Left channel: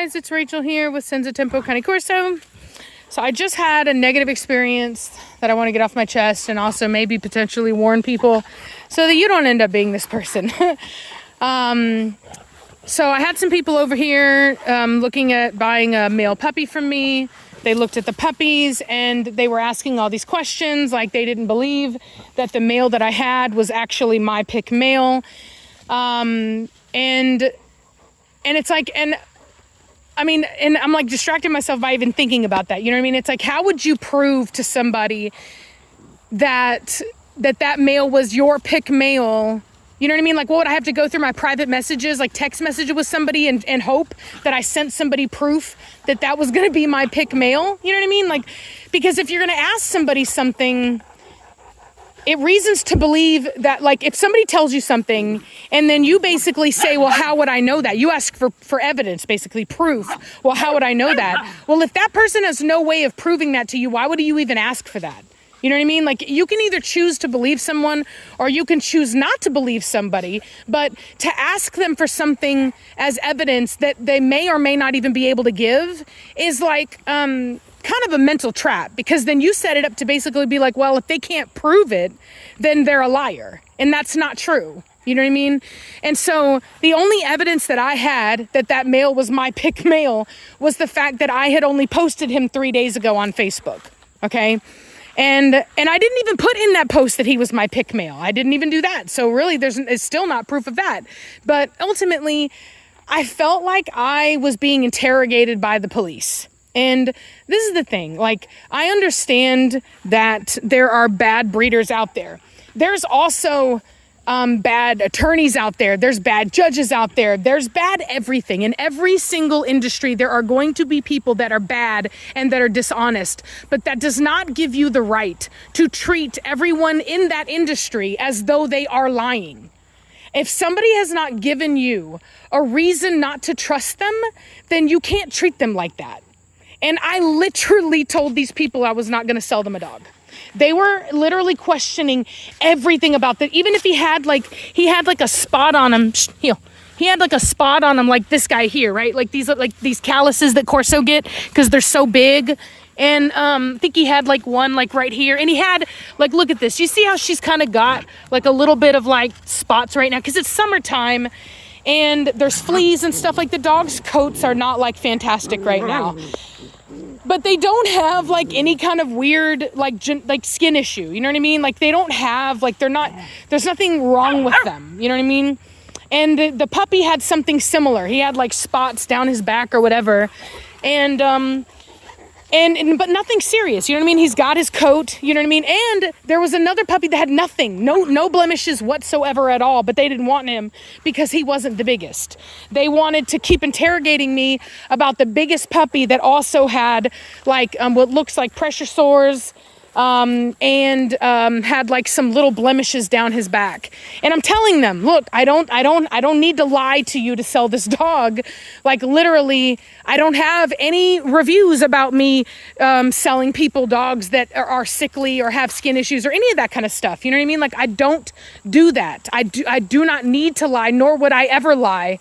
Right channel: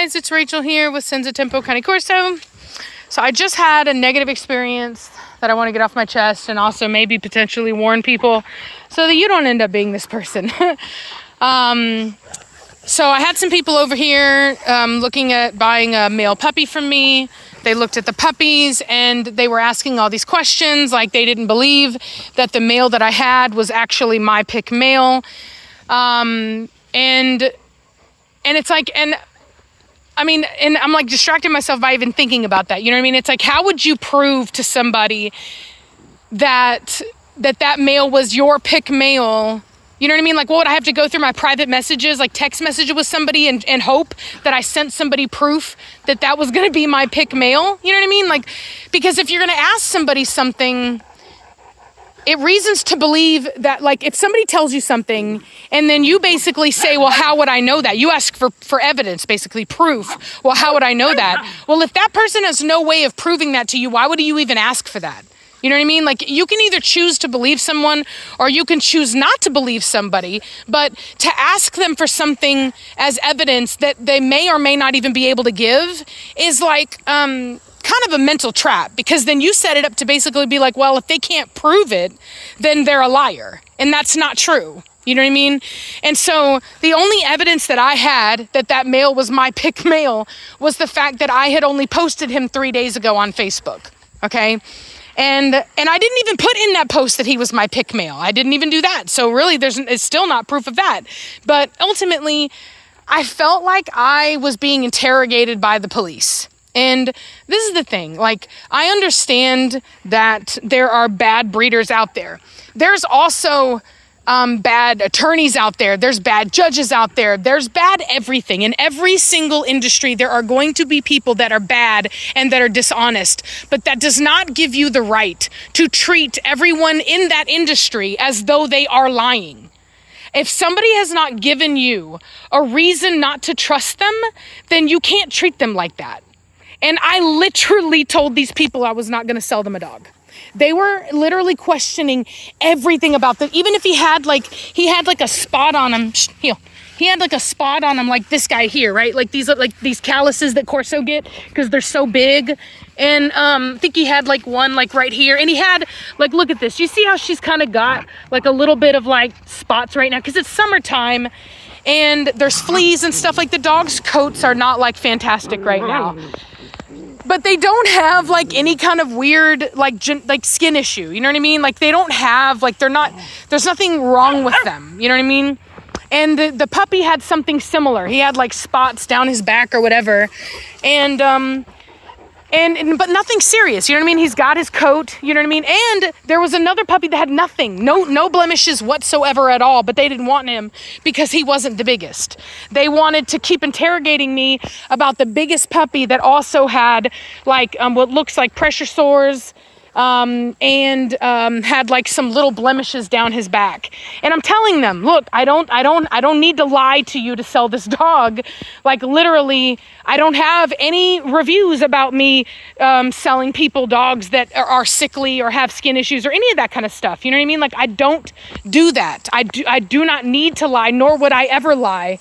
guys, it's Rachel here with Senza Tempo Cane Corso. So I just had a negative experience that I want to get off my chest and also maybe potentially warn people so that you don't end up being this person. So I had some people over here looking at buying a male puppy from me. They looked at the puppies and they were asking all these questions, like they didn't believe that the male that I had was actually my pick male. And it's like, and I'm like distracting myself by even thinking about that. You know what I mean? It's like, how would you prove to somebody that male was your pick male? You know what I mean? Like, what would I have to go through my private messages, like text messages with somebody and hope that I sent somebody proof that was going to be my pick male? You know what I mean? Like, because if you're going to ask somebody something, it reasons to believe that, like, if somebody tells you something and then you basically say, well, how would I know that? You ask for evidence, basically proof. Well, how would I know that? Well, if that person has no way of proving that to you, why would you even ask for that? You know what I mean? Like, you can either choose to believe someone or you can choose not to believe somebody, but to ask them for something as evidence that they may or may not even be able to give is like kind of a mental trap, because then you set it up to basically be like, well, if they can't prove it, then they're a liar. And that's not true. You know what I mean? And so the only evidence that I had that male was my pick male was the fact that I had only posted him 3 days ago on Facebook. Okay. And I didn't even put in that post that he was my pick male. I didn't even do that. So really, it's still not proof of that. But ultimately, I felt like I was being interrogated by the police. And this is the thing. Like, I understand that there are bad breeders out there. There's also bad attorneys out there. There's bad judges out there. There's bad everything. In every single industry, there are going to be people that are bad and that are dishonest. But that does not give you the right to treat everyone in that industry as though they are lying. If somebody has not given you a reason not to trust them, then you can't treat them like that. And I literally told these people I was not going to sell them a dog. They were literally questioning everything about that. Even if he had like a spot on him, he had like a spot on him like this guy here, right? Like these calluses that Corso get because they're so big. And I think he had like one like right here. And he had like, look at this. You see how she's kind of got like a little bit of like spots right now because it's summertime and there's fleas and stuff. Like the dog's coats are not like fantastic right now. But they don't have like any kind of weird like skin issue. You know what I mean? Like they don't have like there's nothing wrong with them. You know what I mean? And the puppy had something similar. He had like spots down his back or whatever. And but nothing serious. You know what I mean? He's got his coat. You know what I mean? And there was another puppy that had nothing, no blemishes whatsoever at all. But they didn't want him because he wasn't the biggest. They wanted to keep interrogating me about the biggest puppy that also had like what looks like pressure sores. And had like some little blemishes down his back. And I'm telling them, look, I don't need to lie to you to sell this dog. Like literally, I don't have any reviews about me selling people dogs that are sickly or have skin issues or any of that kind of stuff. You know what I mean? Like I don't do that. I do not need to lie, nor would I ever lie.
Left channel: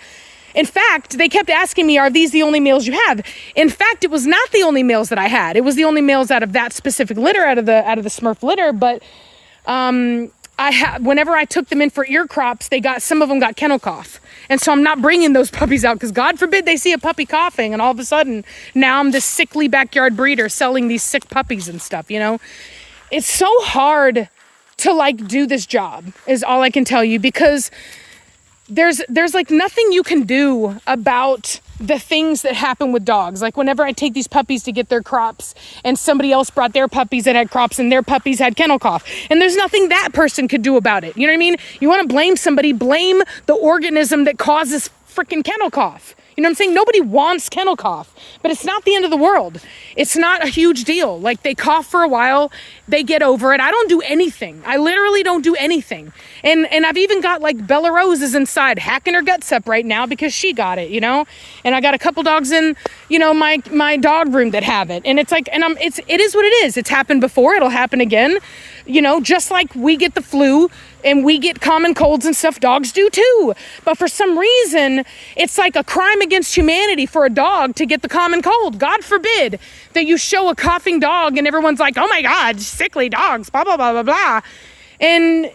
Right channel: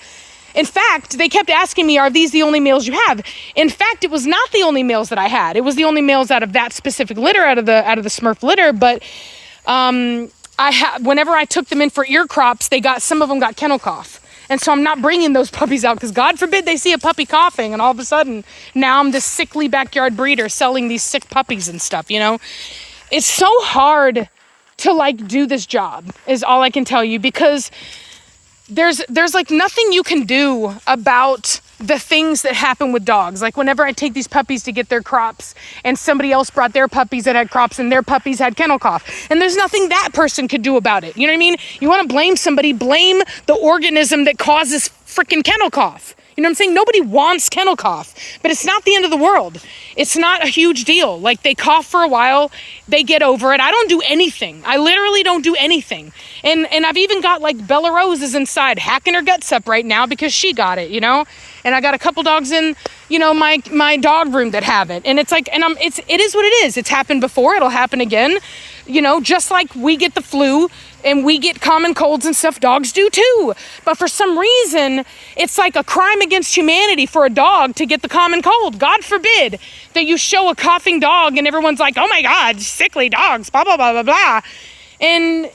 In fact, they kept asking me, are these the only males you have? In fact, it was not the only males that I had. It was the only males out of that specific litter, out of the Smurf litter. But whenever I took them in for ear crops, some of them got kennel cough. And so I'm not bringing those puppies out because God forbid they see a puppy coughing and all of a sudden now I'm this sickly backyard breeder selling these sick puppies and stuff, you know? It's so hard to like do this job is all I can tell you, because there's like nothing you can do about the things that happen with dogs. Like whenever I take these puppies to get their crops and somebody else brought their puppies that had crops and their puppies had kennel cough, and there's nothing that person could do about it. You know what I mean? You want to blame somebody, blame the organism that causes freaking kennel cough. You know what I'm saying? Nobody wants kennel cough, but it's not the end of the world. It's not a huge deal. Like, they cough for a while, they get over it. I don't do anything. I literally don't do anything. And I've even got like Bella Rose is inside hacking her guts up right now because she got it, you know? And I got a couple dogs in, you know, my dog room that have it. And it's like, and it is what it is. It's happened before, it'll happen again. You know, just like we get the flu and we get common colds and stuff, dogs do too. But for some reason, it's like a crime against humanity for a dog to get the common cold. God forbid that you show a coughing dog and everyone's like, oh my God, sickly dogs, blah, blah, blah, blah, blah. And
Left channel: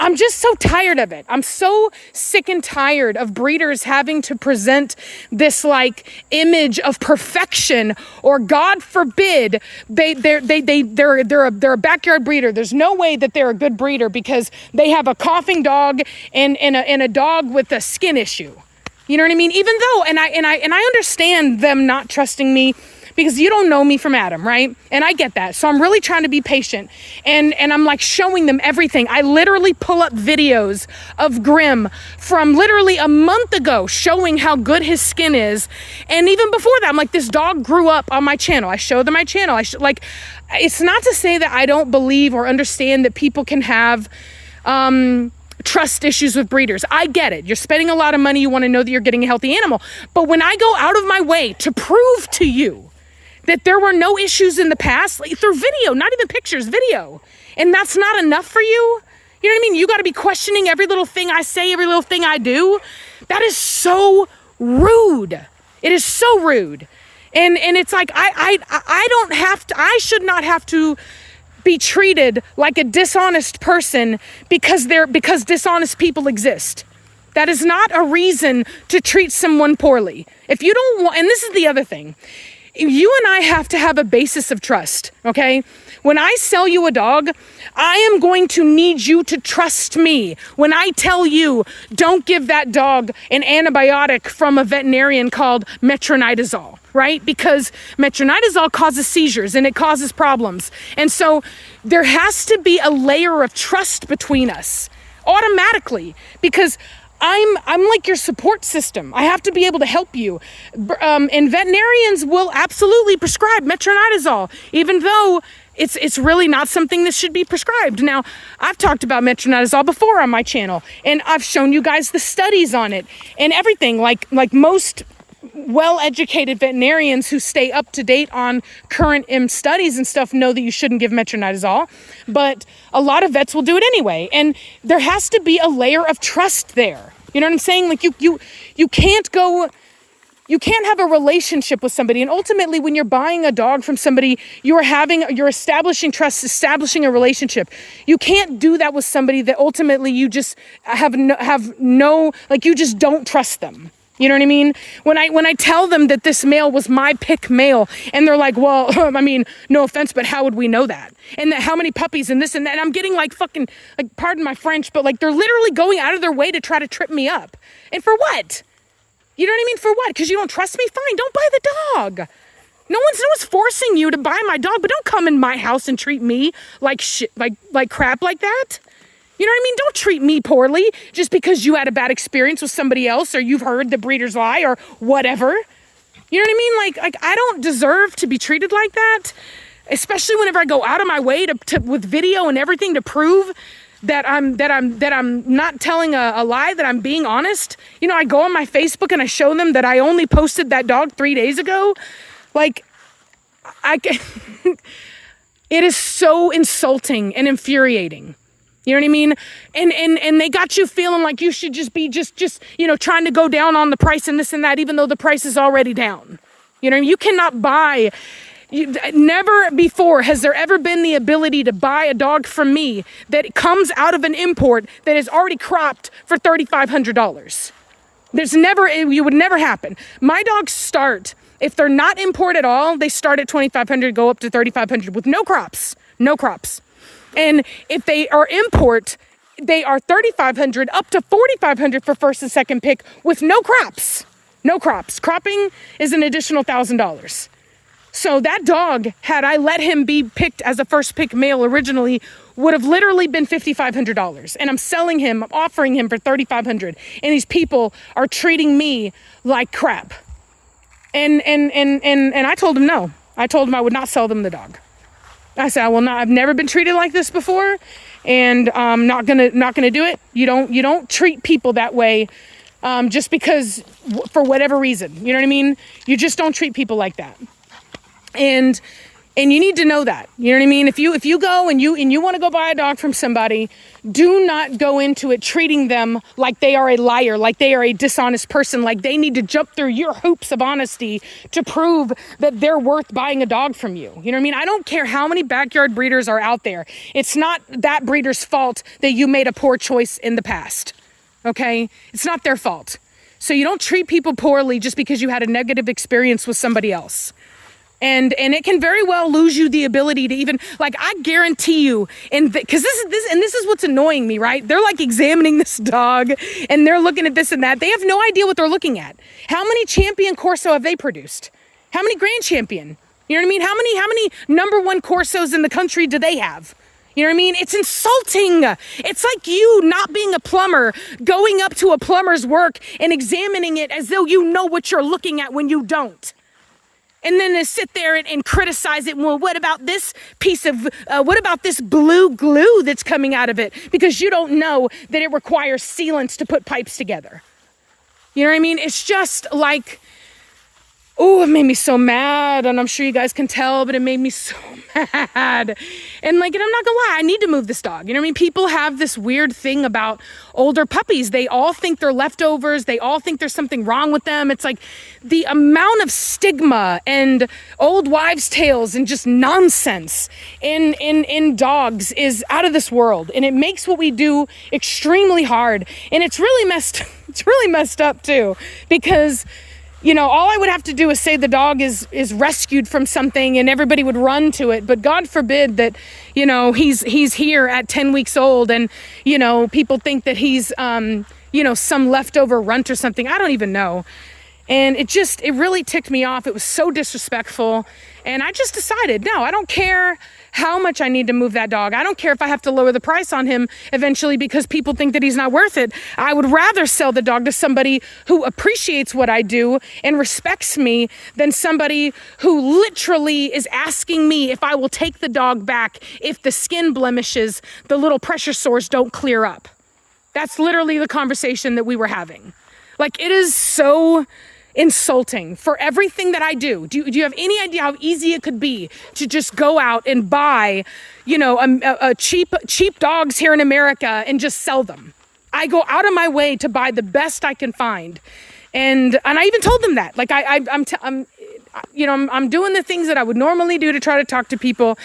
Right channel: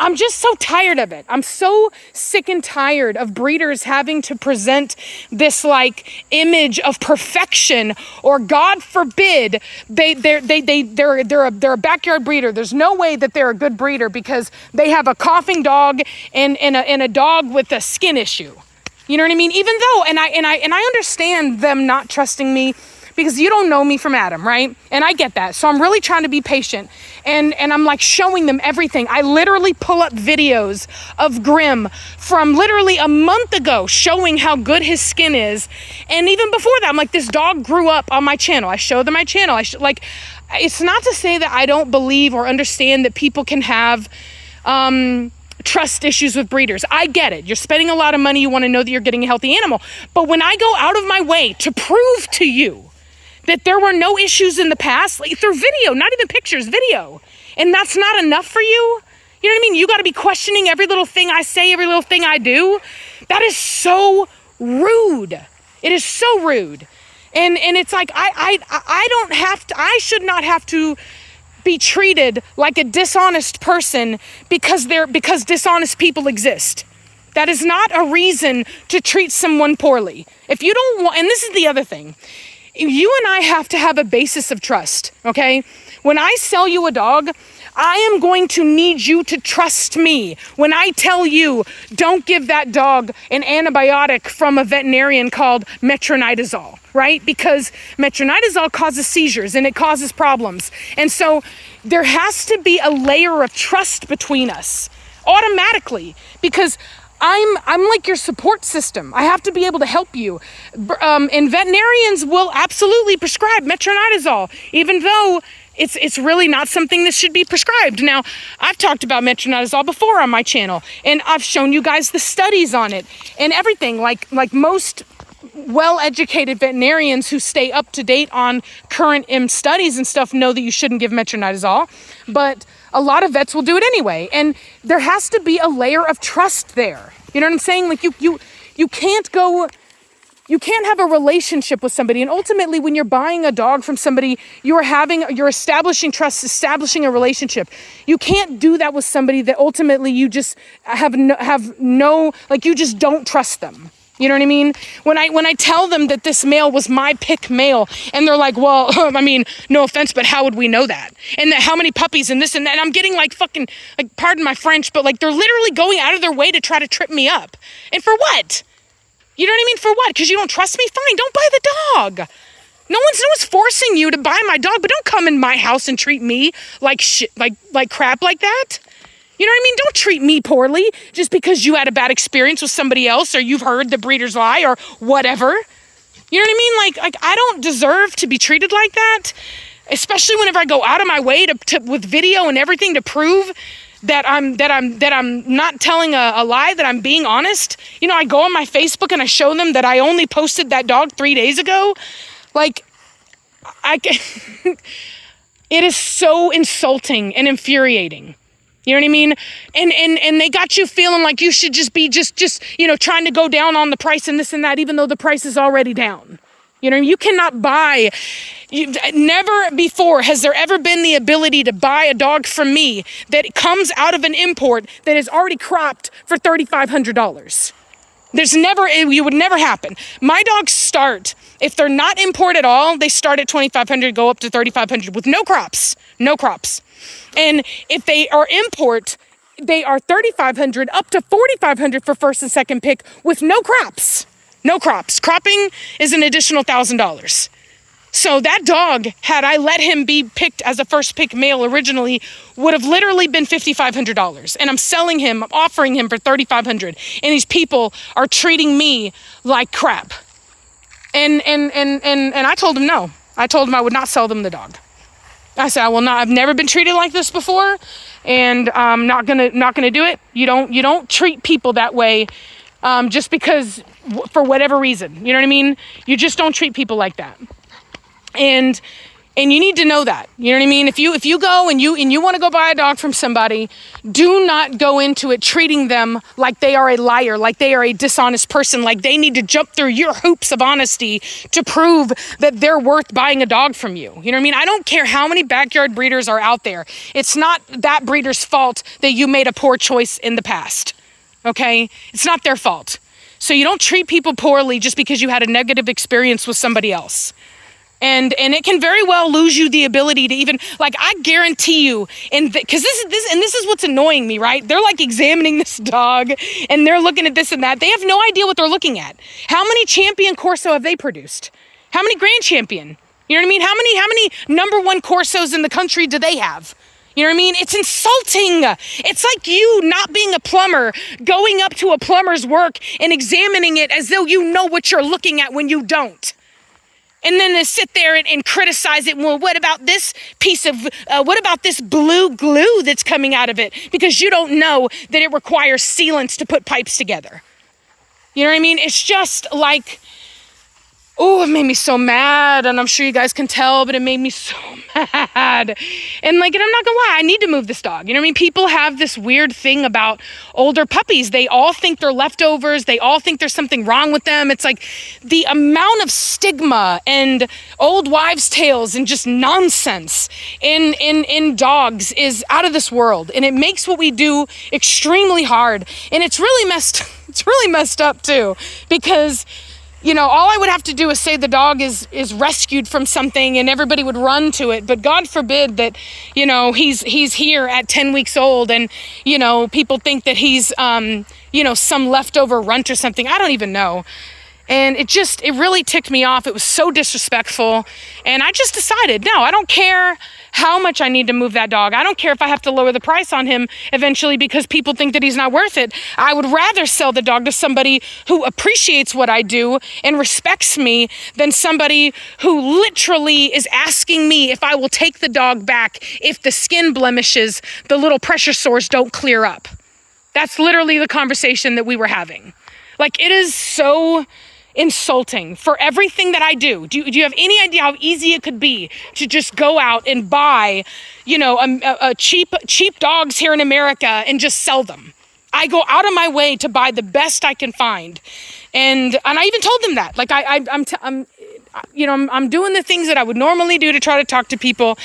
I'm just so tired of it. I'm so sick and tired of breeders having to present this like image of perfection, or God forbid they're a backyard breeder. There's no way that they're a good breeder because they have a coughing dog and a dog with a skin issue. You know what I mean? Even though, and I understand them not trusting me because you don't know me from Adam, right? And I get that. So I'm really trying to be patient. And I'm like showing them everything. I literally pull up videos of Grim from literally a month ago showing how good his skin is. And even before that, I'm like, this dog grew up on my channel. I show them my channel. It's not to say that I don't believe or understand that people can have trust issues with breeders. I get it. You're spending a lot of money. You want to know that you're getting a healthy animal. But when I go out of my way to prove to you that there were no issues in the past, like through video, not even pictures, video, and that's not enough for you? You know what I mean? You got to be questioning every little thing I say, every little thing I do. That is so rude. It is so rude. And it's like, I should not have to be treated like a dishonest person because dishonest people exist. That is not a reason to treat someone poorly. If you don't want, and this is the other thing, you and I have to have a basis of trust, okay? When I sell you a dog, I am going to need you to trust me. When I tell you, don't give that dog an antibiotic from a veterinarian called metronidazole, right? Because metronidazole causes seizures and it causes problems. And so there has to be a layer of trust between us automatically, because I'm like your support system. I have to be able to help you. And veterinarians will absolutely prescribe metronidazole, even though it's really not something that should be prescribed. Now, I've talked about metronidazole before on my channel, and I've shown you guys the studies on it and everything. Like most well-educated veterinarians who stay up to date on current studies and stuff know that you shouldn't give metronidazole, but a lot of vets will do it anyway. And there has to be a layer of trust there. You know what I'm saying? Like you can't have a relationship with somebody. And ultimately, when you're buying a dog from somebody, you're establishing trust, establishing a relationship. You can't do that with somebody that ultimately you just you just don't trust them. You know what I mean? When I tell them that this male was my pick male, and they're like, well, I mean, no offense, but how would we know that? And that how many puppies and this and that? And I'm getting like fucking, like, pardon my French, but like they're literally going out of their way to try to trip me up. And for what? You know what I mean? For what? Because you don't trust me? Fine, don't buy the dog. No one's forcing you to buy my dog, but don't come in my house and treat me like shit, like crap like that. You know what I mean? Don't treat me poorly just because you had a bad experience with somebody else, or you've heard the breeder's lie, or whatever. You know what I mean? Like I don't deserve to be treated like that, especially whenever I go out of my way to with video and everything to prove that I'm not telling a lie, that I'm being honest. You know, I go on my Facebook and I show them that I only posted that dog 3 days ago. Like, it is so insulting and infuriating. You know what I mean? And they got you feeling like you should just be you know, trying to go down on the price and this and that, even though the price is already down. You know, you cannot buy. Never before has there ever been the ability to buy a dog from me that comes out of an import that is already cropped for $3,500. It would never happen. My dogs start, if they're not import at all, they start at $2,500, go up to $3,500 with no crops. And if they are import, they are $3,500 up to $4,500 for first and second pick with no crops. No crops. Cropping is an additional $1,000. So that dog, had I let him be picked as a first pick male originally, would have literally been $5,500. And I'm selling him, I'm offering him for $3,500. And these people are treating me like crap. And I told him no. I told him I would not sell them the dog. I said, I will not. I've never been treated like this before, and I'm not gonna do it. You don't treat people that way, just because for whatever reason. You know what I mean? You just don't treat people like that. And you need to know that. You know what I mean? If you go and you want to go buy a dog from somebody, do not go into it treating them like they are a liar, like they are a dishonest person, like they need to jump through your hoops of honesty to prove that they're worth buying a dog from you. You know what I mean? I don't care how many backyard breeders are out there. It's not that breeder's fault that you made a poor choice in the past. Okay? It's not their fault. So you don't treat people poorly just because you had a negative experience with somebody else. And it can very well lose you the ability to even, like, I guarantee you, because this is what's annoying me, right? They're like examining this dog and they're looking at this and that. They have no idea what they're looking at. How many champion Corso have they produced? How many grand champion? You know what I mean? How many number one Corsos in the country do they have? You know what I mean? It's insulting. It's like you not being a plumber, going up to a plumber's work and examining it as though you know what you're looking at when you don't. And then they sit there and criticize it. Well, what about this piece of, what about this blue glue that's coming out of it? Because you don't know that it requires sealants to put pipes together. You know what I mean? It's just like, oh, it made me so mad. And I'm sure you guys can tell, but it made me so mad. And I'm not gonna lie, I need to move this dog. You know what I mean? People have this weird thing about older puppies. They all think they're leftovers. They all think there's something wrong with them. It's like the amount of stigma and old wives' tales and just nonsense in dogs is out of this world. And it makes what we do extremely hard. And it's really messed up too, because all I would have to do is say the dog is rescued from something and everybody would run to it. But God forbid that, he's here at 10 weeks old and, people think that he's, some leftover runt or something. I don't even know. And it really ticked me off. It was so disrespectful. And I just decided, no, I don't care how much I need to move that dog. I don't care if I have to lower the price on him eventually because people think that he's not worth it. I would rather sell the dog to somebody who appreciates what I do and respects me than somebody who literally is asking me if I will take the dog back if the skin blemishes, the little pressure sores don't clear up. That's literally the conversation that we were having. It is so insulting for everything that I do. Do you have any idea how easy it could be to just go out and buy, a cheap dogs here in America and just sell them? I go out of my way to buy the best I can find, and I even told them that. I'm doing the things that I would normally do to try to talk to people,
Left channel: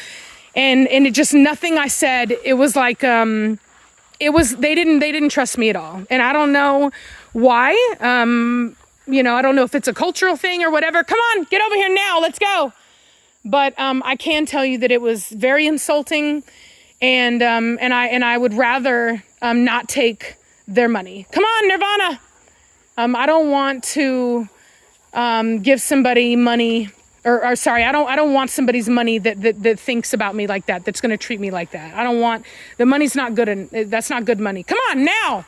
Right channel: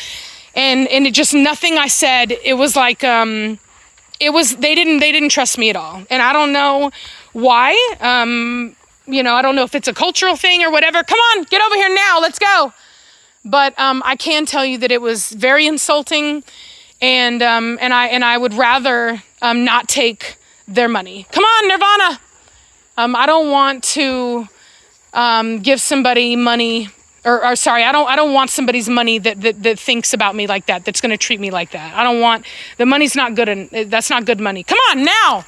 and it just nothing I said. It was like they didn't trust me at all, and I don't know why. I don't know if it's a cultural thing or whatever. Come on, get over here now. Let's go. But I can tell you that it was very insulting, and I would rather not take their money. Come on, Nirvana. I don't want to give somebody money, or sorry, I don't want somebody's money that thinks about me like that. That's going to treat me like that. I don't want the money's not good, and that's not good money. Come on now.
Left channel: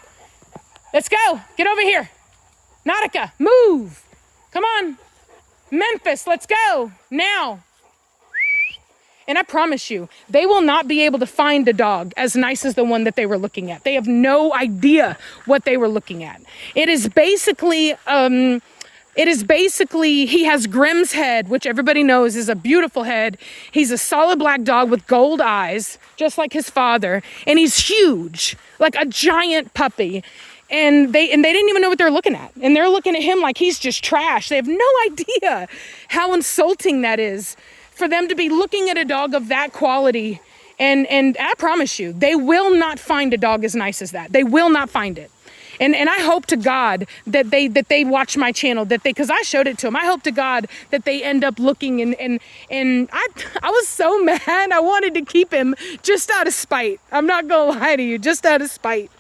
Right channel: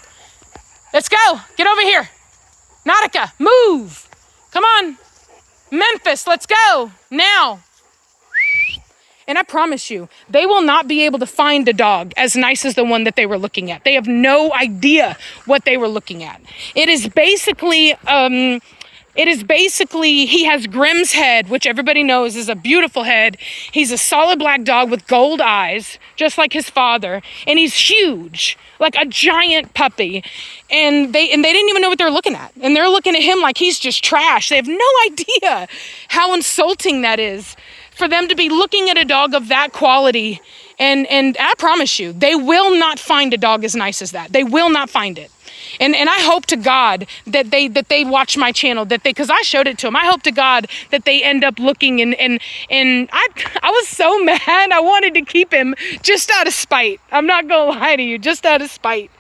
Let's go. Get over here. Nautica, move. Come on. Memphis, let's go. Now. And I promise you, they will not be able to find a dog as nice as the one that they were looking at. They have no idea what they were looking at. It is basically, he has Grimm's head, which everybody knows is a beautiful head. He's a solid black dog with gold eyes, just like his father. And he's huge, like a giant puppy. And they didn't even know what they're looking at. And they're looking at him like he's just trash. They have no idea how insulting that is for them to be looking at a dog of that quality. And I promise you, they will not find a dog as nice as that. They will not find it. And I hope to God that they watch my channel, because I showed it to them. I hope to God that they end up looking and I was so mad. I wanted to keep him just out of spite. I'm not gonna lie to you, just out of spite.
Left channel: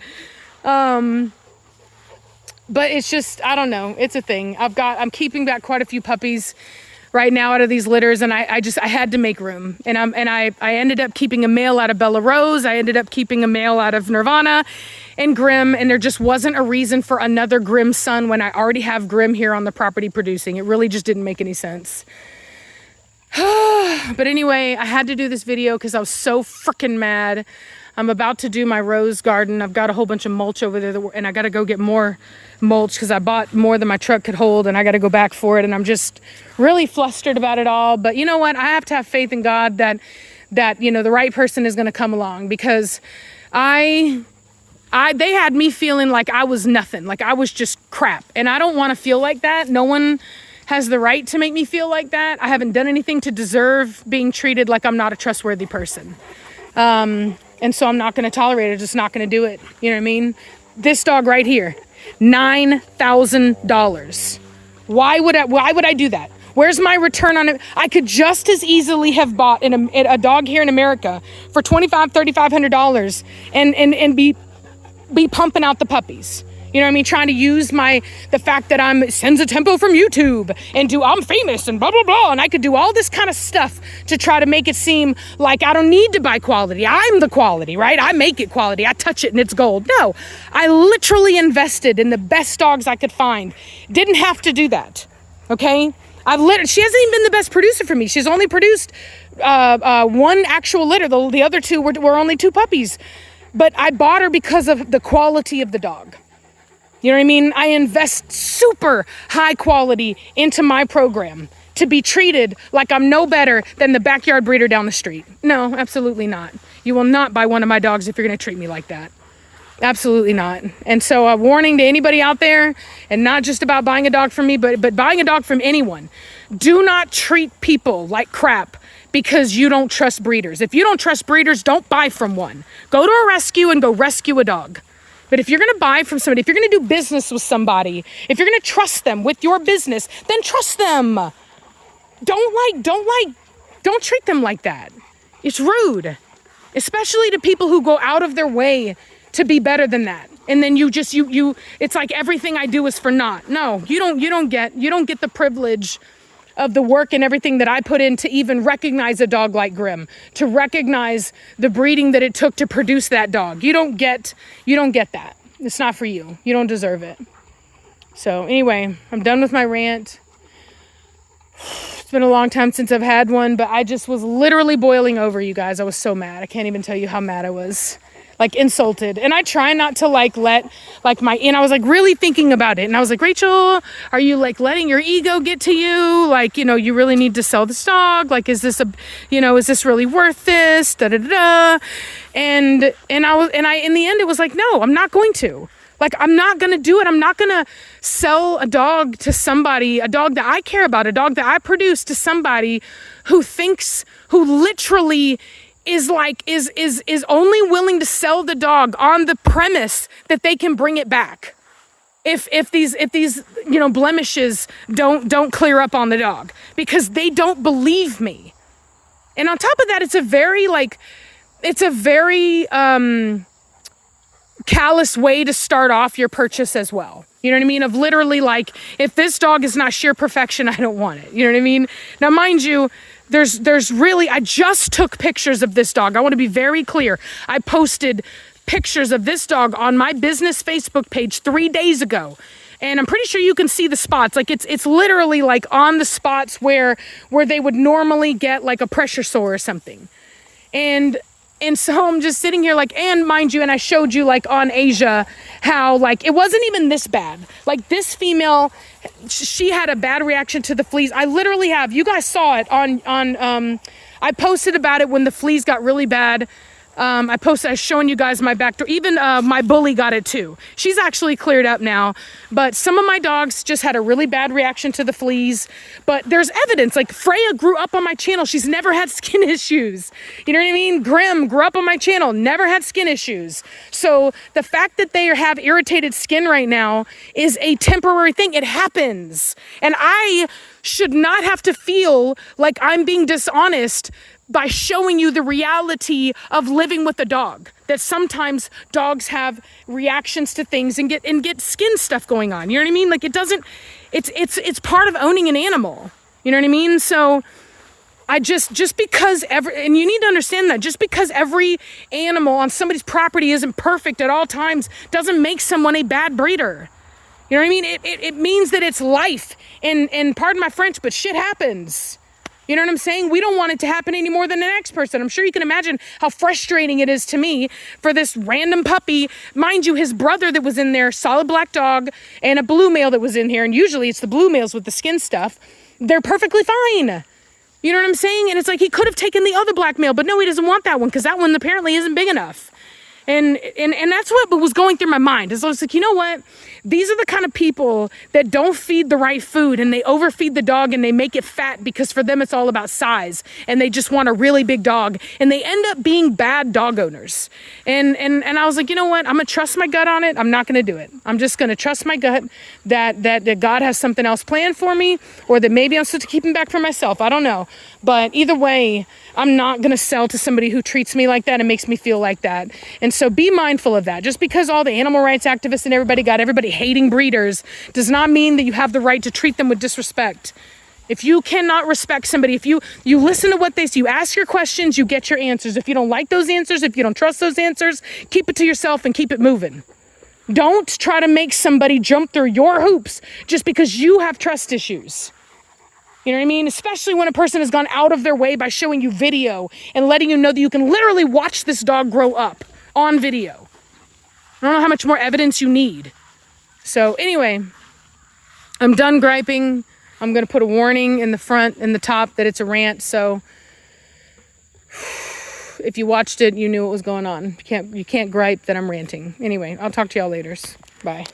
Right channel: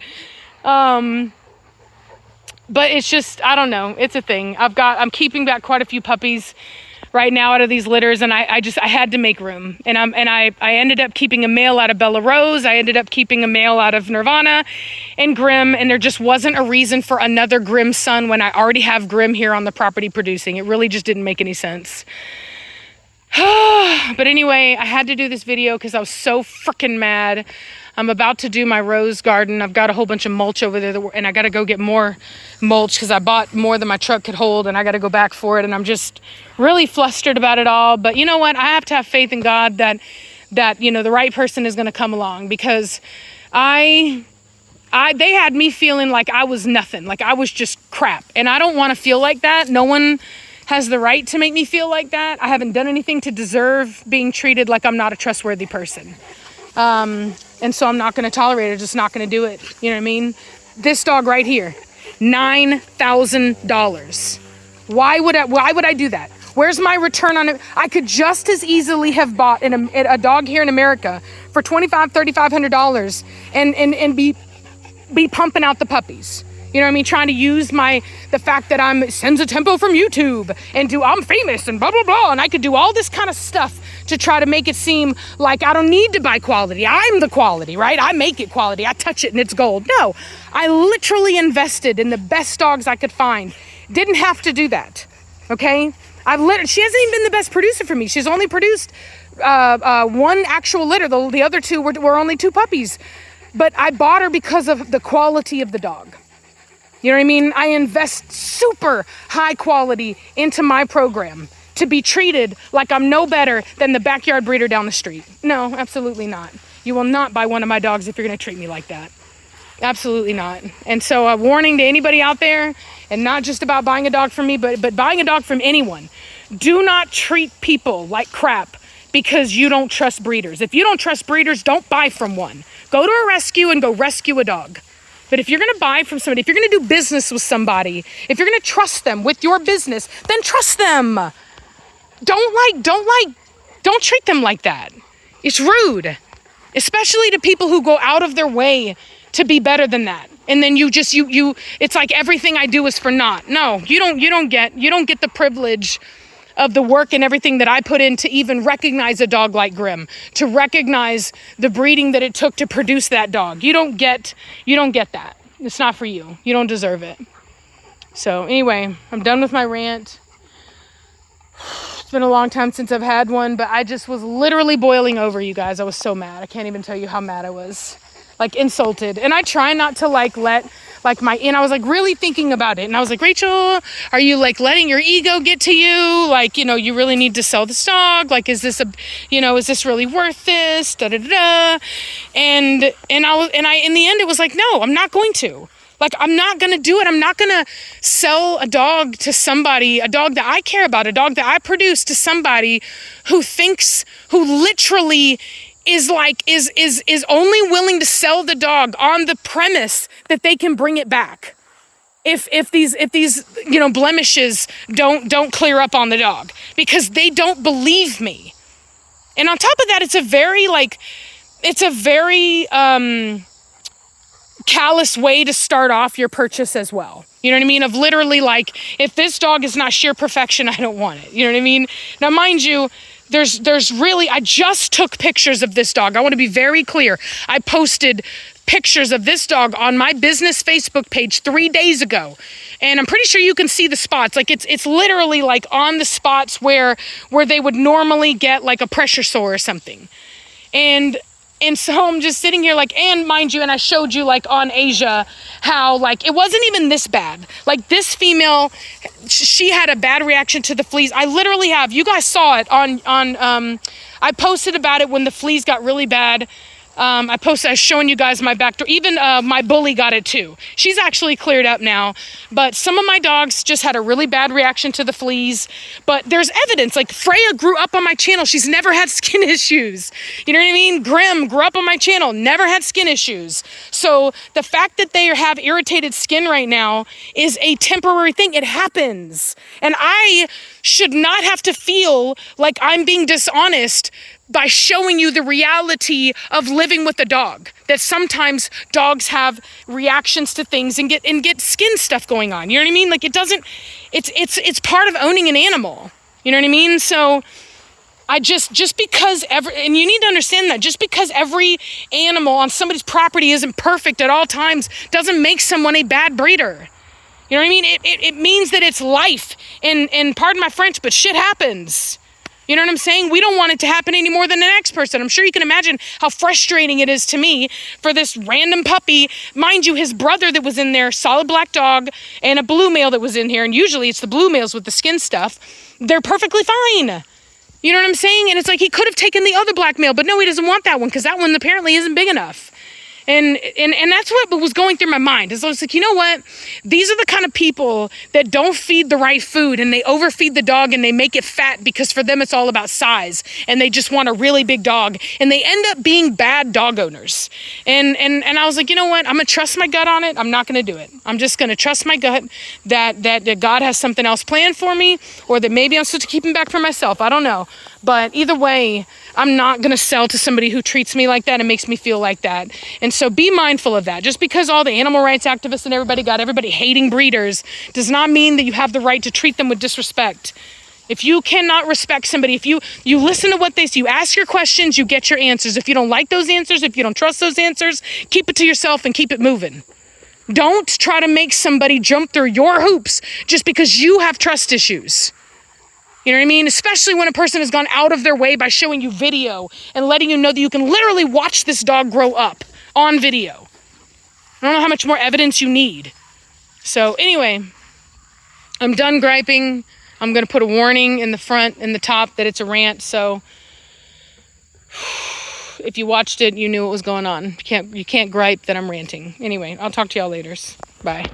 But it's just, I don't know. It's a thing. I'm keeping back quite a few puppies right now out of these litters, and I had to make room. And I ended up keeping a male out of Bella Rose. I ended up keeping a male out of Nirvana and Grimm, and there just wasn't a reason for another Grimm son when I already have Grimm here on the property producing. It really just didn't make any sense. But anyway, I had to do this video because I was so freaking mad. I'm about to do my rose garden. I've got a whole bunch of mulch over there, and I got to go get more mulch because I bought more than my truck could hold, and I got to go back for it. And I'm just really flustered about it all. But you know what? I have to have faith in God that you know, the right person is going to come along, because they had me feeling like I was nothing, like I was just crap. And I don't want to feel like that. No one has the right to make me feel like that. I haven't done anything to deserve being treated like I'm not a trustworthy person. And so I'm not going to tolerate it. Just not going to do it. You know what I mean? This dog right here, $9,000. Why would I do that? Where's my return on it? I could just as easily have bought a dog here in America for $2,500, $3,500 and be pumping out the puppies. You know what I mean? Trying to use the fact that I'm sends a tempo from YouTube and I'm famous and blah, blah, blah. And I could do all this kind of stuff to try to make it seem like I don't need to buy quality. I'm the quality, right? I make it quality. I touch it and it's gold. No, I literally invested in the best dogs I could find. Didn't have to do that. Okay. She hasn't even been the best producer for me. She's only produced one actual litter. The other two were only 2 puppies. But I bought her because of the quality of the dog. You know what I mean? I invest super high quality into my program to be treated like I'm no better than the backyard breeder down the street. No, absolutely not. You will not buy one of my dogs if you're going to treat me like that. Absolutely not. And so a warning to anybody out there, and not just about buying a dog from me, but buying a dog from anyone. Do not treat people like crap because you don't trust breeders. If you don't trust breeders, don't buy from one. Go to a rescue and go rescue a dog. But if you're going to buy from somebody, if you're going to do business with somebody, if you're going to trust them with your business, then trust them. Don't treat them like that. It's rude, especially to people who go out of their way to be better than that. And then it's like everything I do is for naught. No, you don't get the privilege of the work and everything that I put in to even recognize a dog like Grim, to recognize the breeding that it took to produce that dog. You don't get that. It's not for you. You don't deserve it. So anyway, I'm done with my rant. It's been a long time since I've had one, but I just was literally boiling over, you guys. I was so mad. I can't even tell you how mad I was. Like, insulted. And I try not to I was like really thinking about it. And I was like, Rachel, are you like letting your ego get to you? Like, you know, you really need to sell this dog. Like, is this really worth this? Da, da, da, da. And in the end, it was like, no, I'm not going to. Like, I'm not going to do it. I'm not going to sell a dog to somebody, a dog that I care about, a dog that I produce, to somebody who literally is only willing to sell the dog on the premise that they can bring it back if these blemishes don't clear up on the dog, because they don't believe me. And on top of that, it's a very callous way to start off your purchase as well. You know what I mean? Of literally, like, if this dog is not sheer perfection, I don't want it. You know what I mean? Now, mind you, there's really, I just took pictures of this dog. I want to be very clear. I posted pictures of this dog on my business Facebook page 3 days ago. And I'm pretty sure you can see the spots. Like, it's literally like on the spots where they would normally get like a pressure sore or something. And so I'm just sitting here like, and mind you, and I showed you like on Asia how like it wasn't even this bad. Like, this female, she had a bad reaction to the fleas. I literally have, you guys saw it on I posted about it when the fleas got really bad. I was showing you guys my back door. Even my bully got it too. She's actually cleared up now. But some of my dogs just had a really bad reaction to the fleas. But there's evidence. Like, Freya grew up on my channel. She's never had skin issues. You know what I mean? Grim grew up on my channel. Never had skin issues. So the fact that they have irritated skin right now is a temporary thing. It happens. And I should not have to feel like I'm being dishonest by showing you the reality of living with a dog, that sometimes dogs have reactions to things and get skin stuff going on. You know what I mean? Like, it's part of owning an animal. You know what I mean? So I just because and you need to understand that just because every animal on somebody's property isn't perfect at all times doesn't make someone a bad breeder. You know what I mean? It means that it's life, and pardon my French, but shit happens. You know what I'm saying? We don't want it to happen any more than the next person. I'm sure you can imagine how frustrating it is to me for this random puppy. Mind you, his brother that was in there, solid black dog, and a blue male that was in here. And usually it's the blue males with the skin stuff. They're perfectly fine. You know what I'm saying? And it's like he could have taken the other black male, but no, he doesn't want that one because that one apparently isn't big enough. And that's what was going through my mind. Is I was like, you know what? These are the kind of people that don't feed the right food, and they overfeed the dog and they make it fat because for them it's all about size, and they just want a really big dog, and they end up being bad dog owners. And I was like, you know what? I'm gonna trust my gut on it. I'm not gonna do it. I'm just gonna trust my gut that God has something else planned for me, or that maybe I'm supposed to keep him back for myself. I don't know. But either way, I'm not going to sell to somebody who treats me like that and makes me feel like that. And so be mindful of that. Just because all the animal rights activists and everybody hating breeders does not mean that you have the right to treat them with disrespect. If you cannot respect somebody, if you listen to what they say, you ask your questions, you get your answers. If you don't like those answers, if you don't trust those answers, keep it to yourself and keep it moving. Don't try to make somebody jump through your hoops just because you have trust issues. You know what I mean? Especially when a person has gone out of their way by showing you video and letting you know that you can literally watch this dog grow up on video. I don't know how much more evidence you need. So anyway, I'm done griping. I'm going to put a warning in the front and the top that it's a rant. So if you watched it, you knew what was going on. You can't gripe that I'm ranting. Anyway, I'll talk to y'all later. Bye.